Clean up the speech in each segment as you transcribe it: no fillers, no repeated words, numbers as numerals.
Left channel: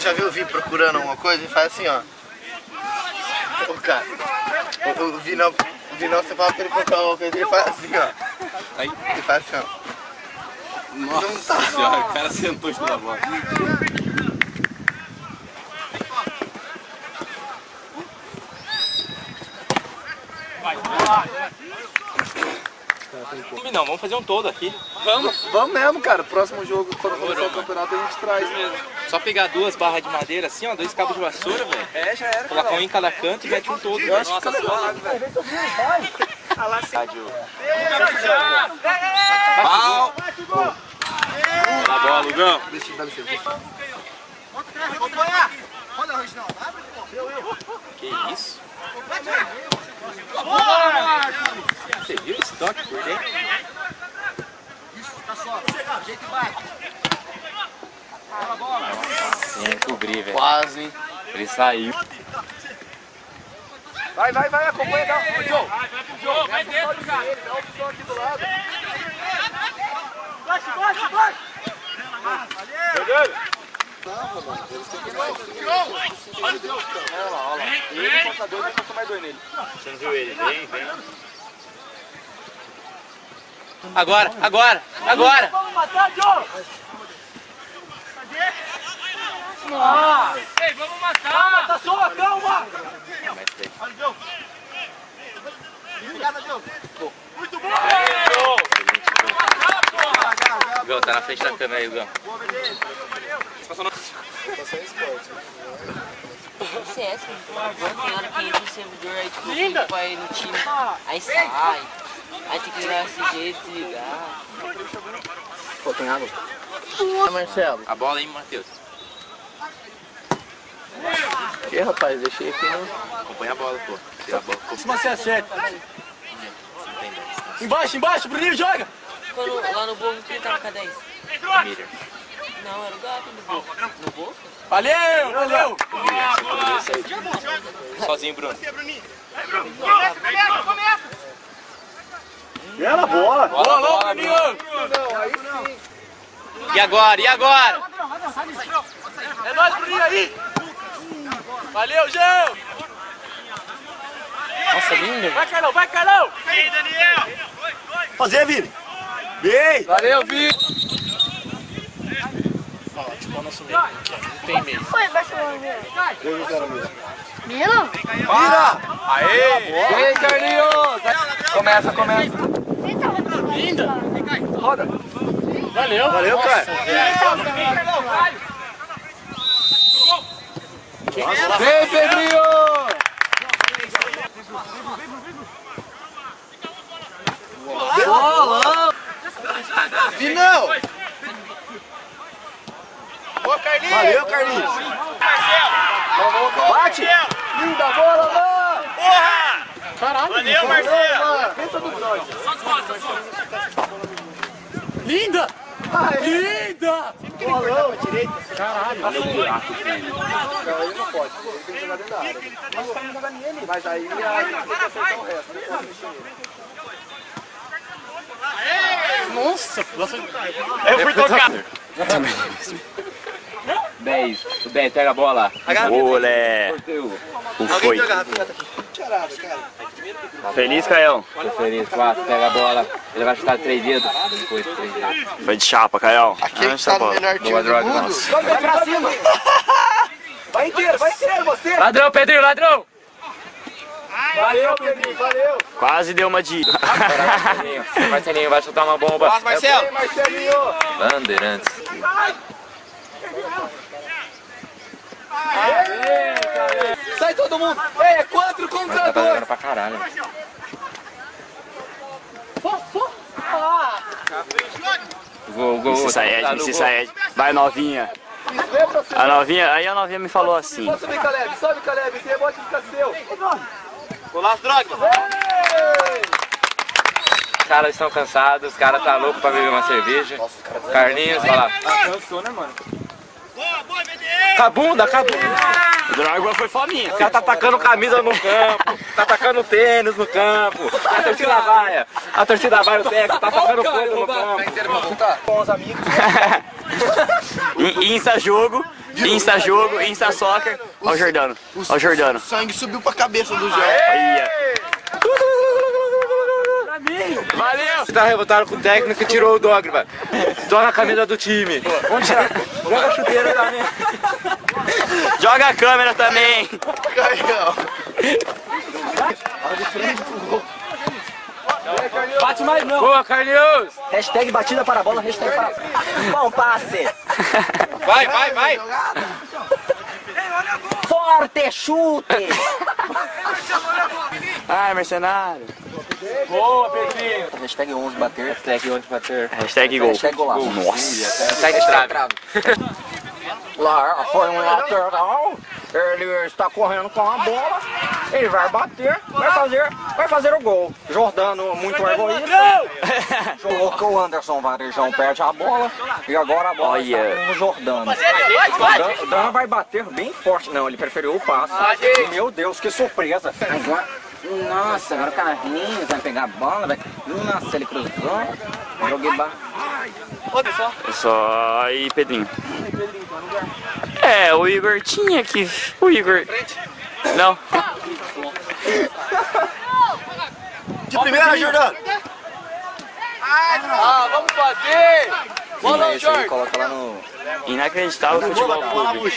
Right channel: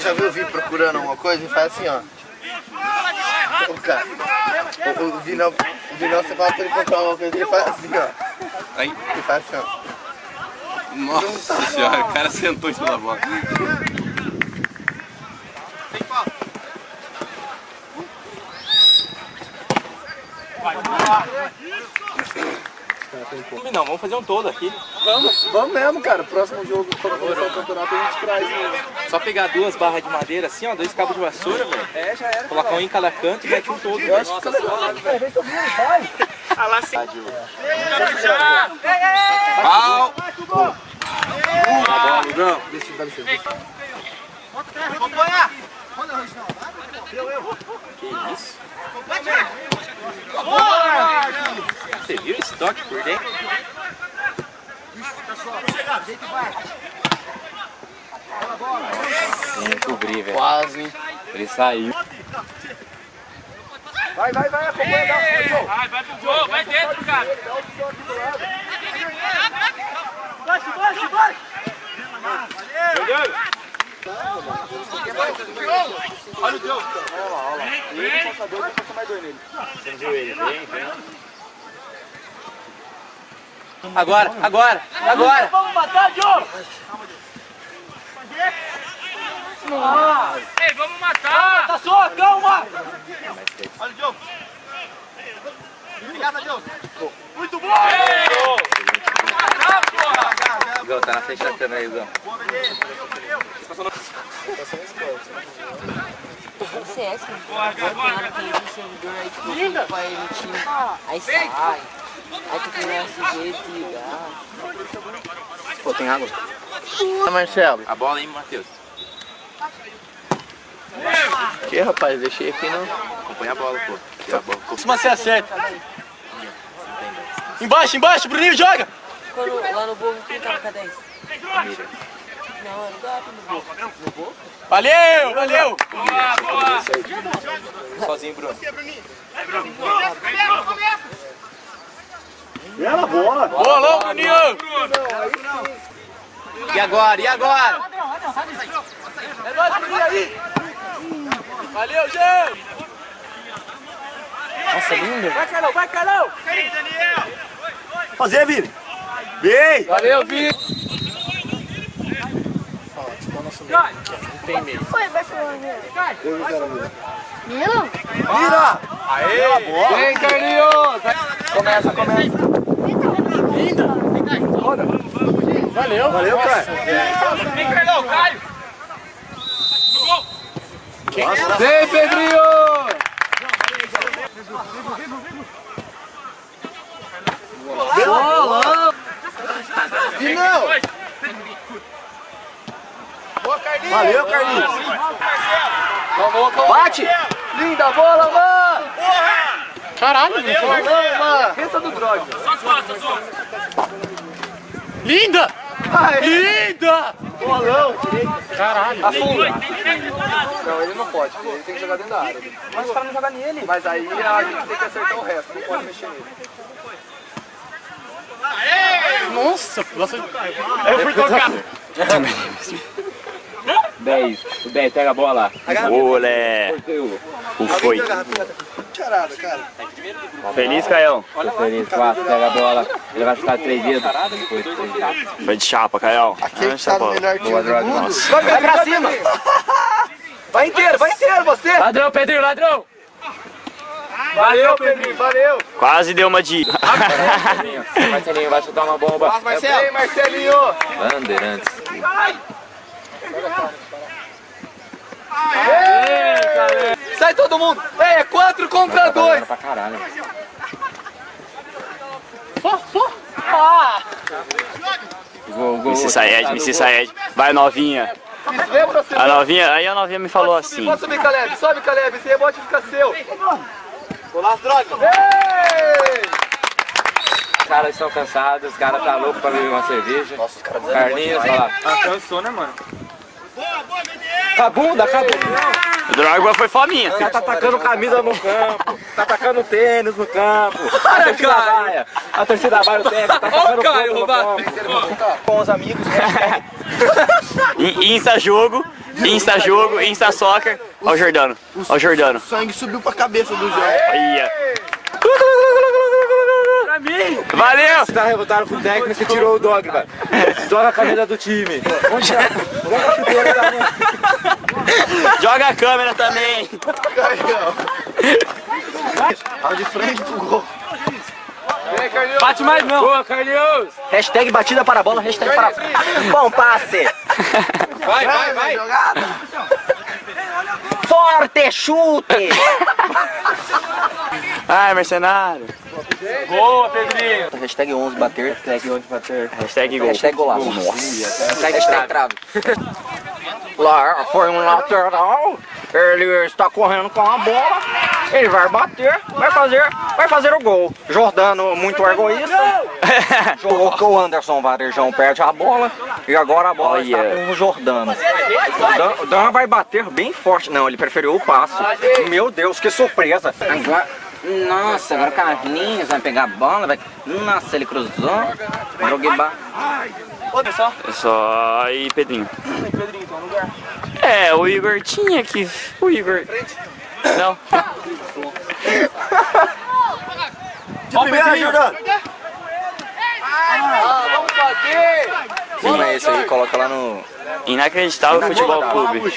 Já viu vir procurando alguma coisa e faz assim, ó. O cara, o Vinão, você fala pra ele procurar alguma coisa e ele faz assim, ó. Aí. Ele faz assim, ó. Nossa senhora, o cara sentou em cima da bola. Não, vamos fazer um todo aqui. Vamos mesmo, cara. Próximo jogo, quando começar o campeonato, a gente traz. Só pegar 2 barras de madeira assim, ó, 2 cabos de vassoura, velho. É, já era. Colocar um em cada canto e mete um todo. Eu acho que fica legal. Pau! Tá bom, Lugão. Que isso? Você viu esse toque por dentro? Tem que cobrir, velho. Quase. Ele saiu. Vai, acompanha. Vai pro gol, vai dentro, cara. Dá o som aqui do lado. Baixa! Valeu! Olha o gol. Olha lá. Ele passa 2, vai passar mais 2 nele. Você viu ele? Vem. Agora! Vamos matar, Joe! Ei, vamos matar! Tá só, calma! Olha o Joe! Obrigado, Joe! Muito bom! Gão, tá na frente da câmera aí, Gão. O CS, mano. Tem hora que entra no servidor, aí tipo, eu clico pra ir no time, aí sai. Aí tem que virar SG e desligar. Pô, tem água? Marcelo. A bola aí, Matheus. Que rapaz, deixei aqui no... Acompanha a bola, pô. Tira a bola. Costuma ser acerta. Não tem 10. Embaixo, Bruninho, joga! Quando, lá no Boca, quem tava com a 10? Mira. Não, era o Gato no Boca. No Boca? Valeu! Sozinho, Bruno. Bela bola! Bolão, Bruninho! E agora? É nóis, Bruninho aí! Valeu, Geu! Nossa, lindo. Vai, Carlão! Fazer, Vini! Bem! Valeu, Vini! Ó, tipo o nosso meio, aqui, ó, não tem meio. Foi, Barcelona, Milo? Vira! Aê! Vem, Carlinhos! Começa. Linda! Roda! Valeu! Valeu, cara! Vem, Carlão, Caio! Vem, Pedrinho! Bola! Vinão! Boa, Carlinhos! Valeu, Carlinhos! Bate! Linda bola, mano! Porra! Caralho, não foi? Mano! Pensa do Droid! Só as costas, só! Linda! Linda! Bolão! Caralho! Não, ele não pode. Ele tem que jogar dentro da área. Mas o cara não joga nele. Mas aí a gente tem que acertar o resto. Não pode mexer nele. Nossa, nossa. Eu fui tocar! 10. O 10, pega a bola. Olé! O foi. Charada, cara. Feliz, Caião? Tô feliz. 4, pega a bola. Ele vai ficar 3 dedos. Foi de chapa, Caião. Aquele que tá no melhor time do mundo. Nossa. Vai pra cima! Vai inteiro você! Ladrão, Pedrinho, ladrão! Valeu, Pedrinho, valeu! Quase deu uma de... Marcelinho vai chutar uma bomba. Nossa, Marcelo! Marcelinho! Bandeirantes. Sai todo mundo! É 4 contra 2! Pra caralho. Gol. Missy Saed. Vai, novinha. A novinha me falou assim. Pode subir, Caleb, sobe, Caleb, esse rebote fica seu. Golaço, droga. Os caras estão cansados, os caras tá louco pra beber uma cerveja. Carlinhos, olha lá. Cansou, né, mano? Cabunda. O Drogba foi fominha. O cara tá atacando camisa no campo, tá atacando tênis no campo. Olha, cara. A torcida vai no técnico, tá pagando com os amigos. Insta jogo, Insta soccer. Ó o Jordano, ó o Jordano. O sangue subiu pra cabeça do João. Olha. Valeu! Tá revoltado com o técnico que tirou o dog, velho. Joga a camisa do time. Joga a chuteira também. Joga a câmera também. Olha de frente pro gol. Bate mais não. Boa, Carlinhos. Hashtag batida para a bola, hashtag para... Bom passe. Vai. Forte chute. Ai, mercenário. Boa, Pedrinho. Hashtag 11 bater. Hashtag 11 bater. Hashtag gol. Hashtag golaço. Hashtag trave. Lá foi um lateral. Ele está correndo com a bola. Ele vai bater. Vai fazer o gol. Jordano, muito egoísta. Colocou o Anderson Varejão, perde a bola. E agora a bola está com o Jordano. O Dan vai bater bem forte. Não, ele preferiu o passe. Meu Deus, que surpresa. Nossa, agora o Carlinhos vai pegar a bola. Nossa, ele cruzou. Joguei É só aí, Pedrinho. É, o Igor tinha que... O Igor... Não. De primeira, Jordano. Vamos fazer. Sim, é isso aí, coloca lá no... Inacreditável futebol clube.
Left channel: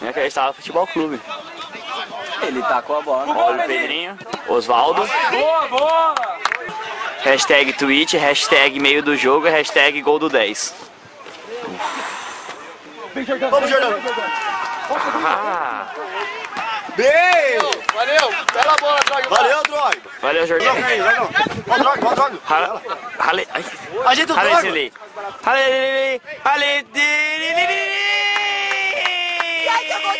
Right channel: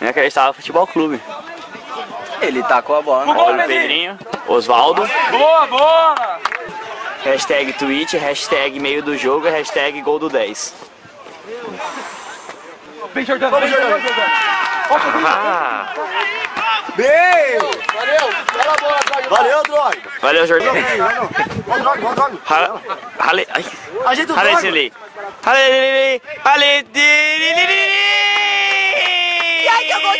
Inacreditável futebol clube. Ele tá com a bola. Olha o Pedrinho. Osvaldo. Boa. Hashtag tweet, hashtag meio do jogo, hashtag gol do 10. Vem, Jordano. Vamos, Jordano. Ah, Bem! Valeu. Bela bola, Drogba. Valeu, Drogba. valeu, Jordão. Ó, Drogba. Rale... Ai. Ajeita o Rale... Drogba. Rale... Rale... Rale... E aí, eu vou